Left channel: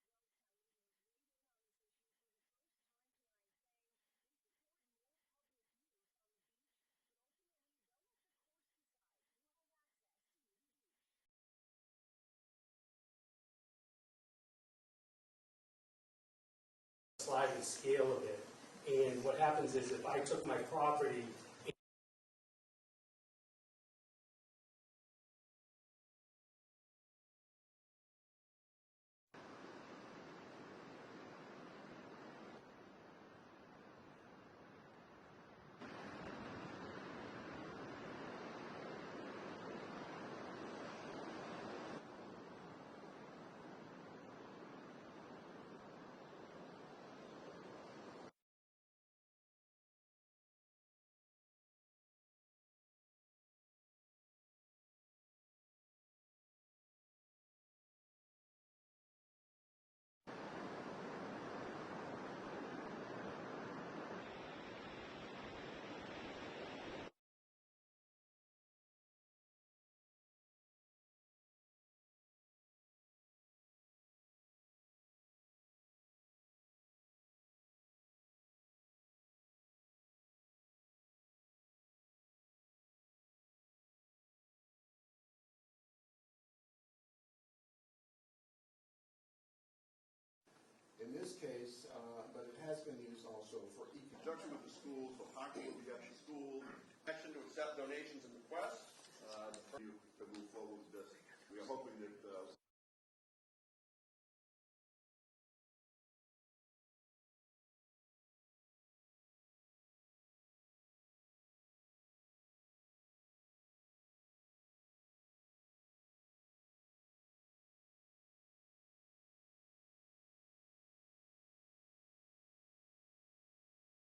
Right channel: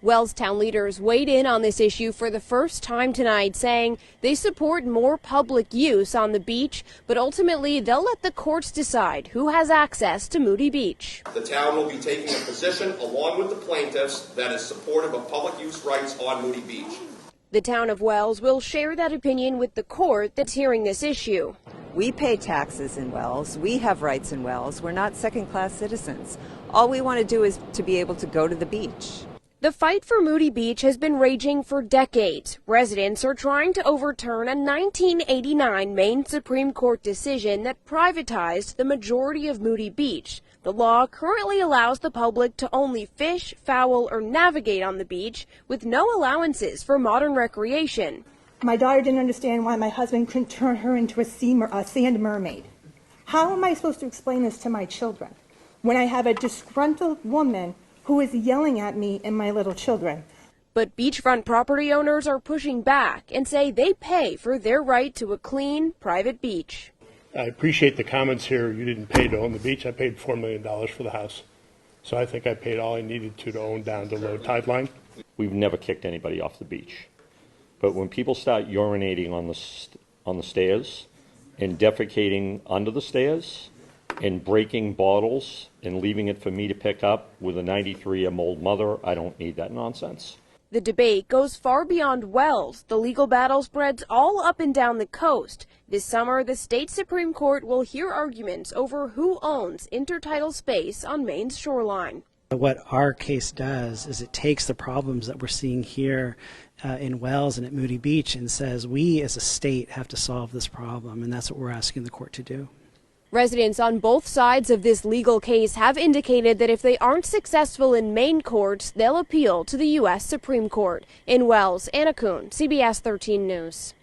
Wells town leaders weighed in on this issue for the first time tonight, saying they support more public use on the beach, but ultimately they'll let the courts decide who has access to Moody Beach. The town will be taking a position, along with the plaintiffs, that is supportive of public use rights on Moody Beach. The town of Wells will share that opinion with the court that's hearing this issue. We pay taxes in Wells. We have rights in Wells. We're not second-class citizens. All we want to do is to be able to go to the beach. The fight for Moody Beach has been raging for decades. Residents are trying to overturn a 1989 Maine Supreme Court decision that privatized the majority of Moody Beach. The law currently allows the public to only fish, foul, or navigate on the beach with no allowances for modern recreation. My daughter didn't understand why my husband couldn't turn her into a sand mermaid. How am I supposed to explain this to my children when I have a disgruntled woman who is yelling at me and my little children? But beachfront property owners are pushing back and say they pay for their right to a clean, private beach. I appreciate the comments here. You didn't pay to own the beach. I paid $4 million for the house. So I think I paid all I needed to own down to low tide line. We've never kicked anybody off the beach. But when people start urinating on the stairs and defecating under the stairs and breaking bottles and leaving it for me to pick up with a 93-year-old mother, I don't need that nonsense. The debate goes far beyond Wells. The legal battle spreads all up and down the coast. This summer, the state Supreme Court will hear arguments over who owns intertidal space on Maine's shoreline. What our case does is it takes the problems that we're seeing here in Wells and at Moody Beach and says we as a state have to solve this problem, and that's what we're asking the court to do. Residents on both sides of this legal case have indicated that if they aren't successful in Maine courts, they'll appeal to the U.S. Supreme Court. In Wells, Anna Kuhn, CBS 13 News.